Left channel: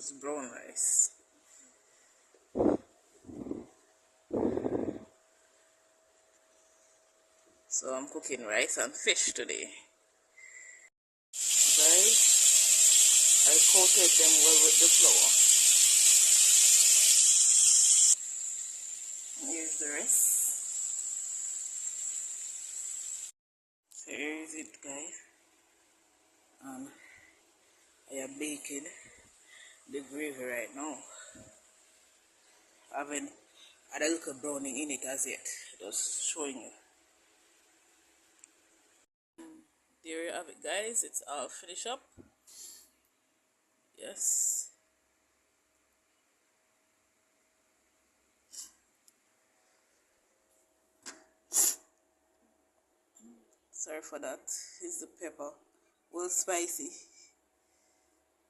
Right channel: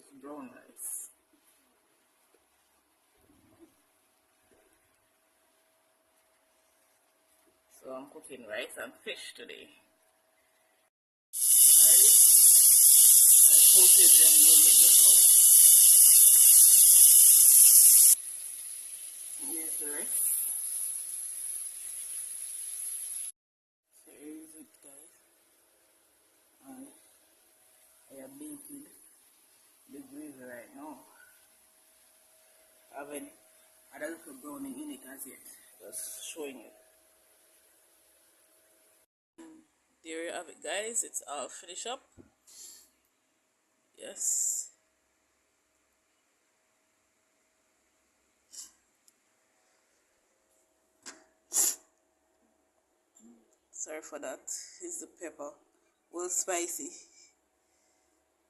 is brown rice. So I'm cooking rice and fish today. Guys, I coated them well with the flour. Here's the rest. So here is it, guys. And I am baking the gravy right now. I haven't had a little browning in it as yet. Just showing you. There you have it, guys. It's all finished up. Yes. Sorry for that. It's the pepper. Well, spicy.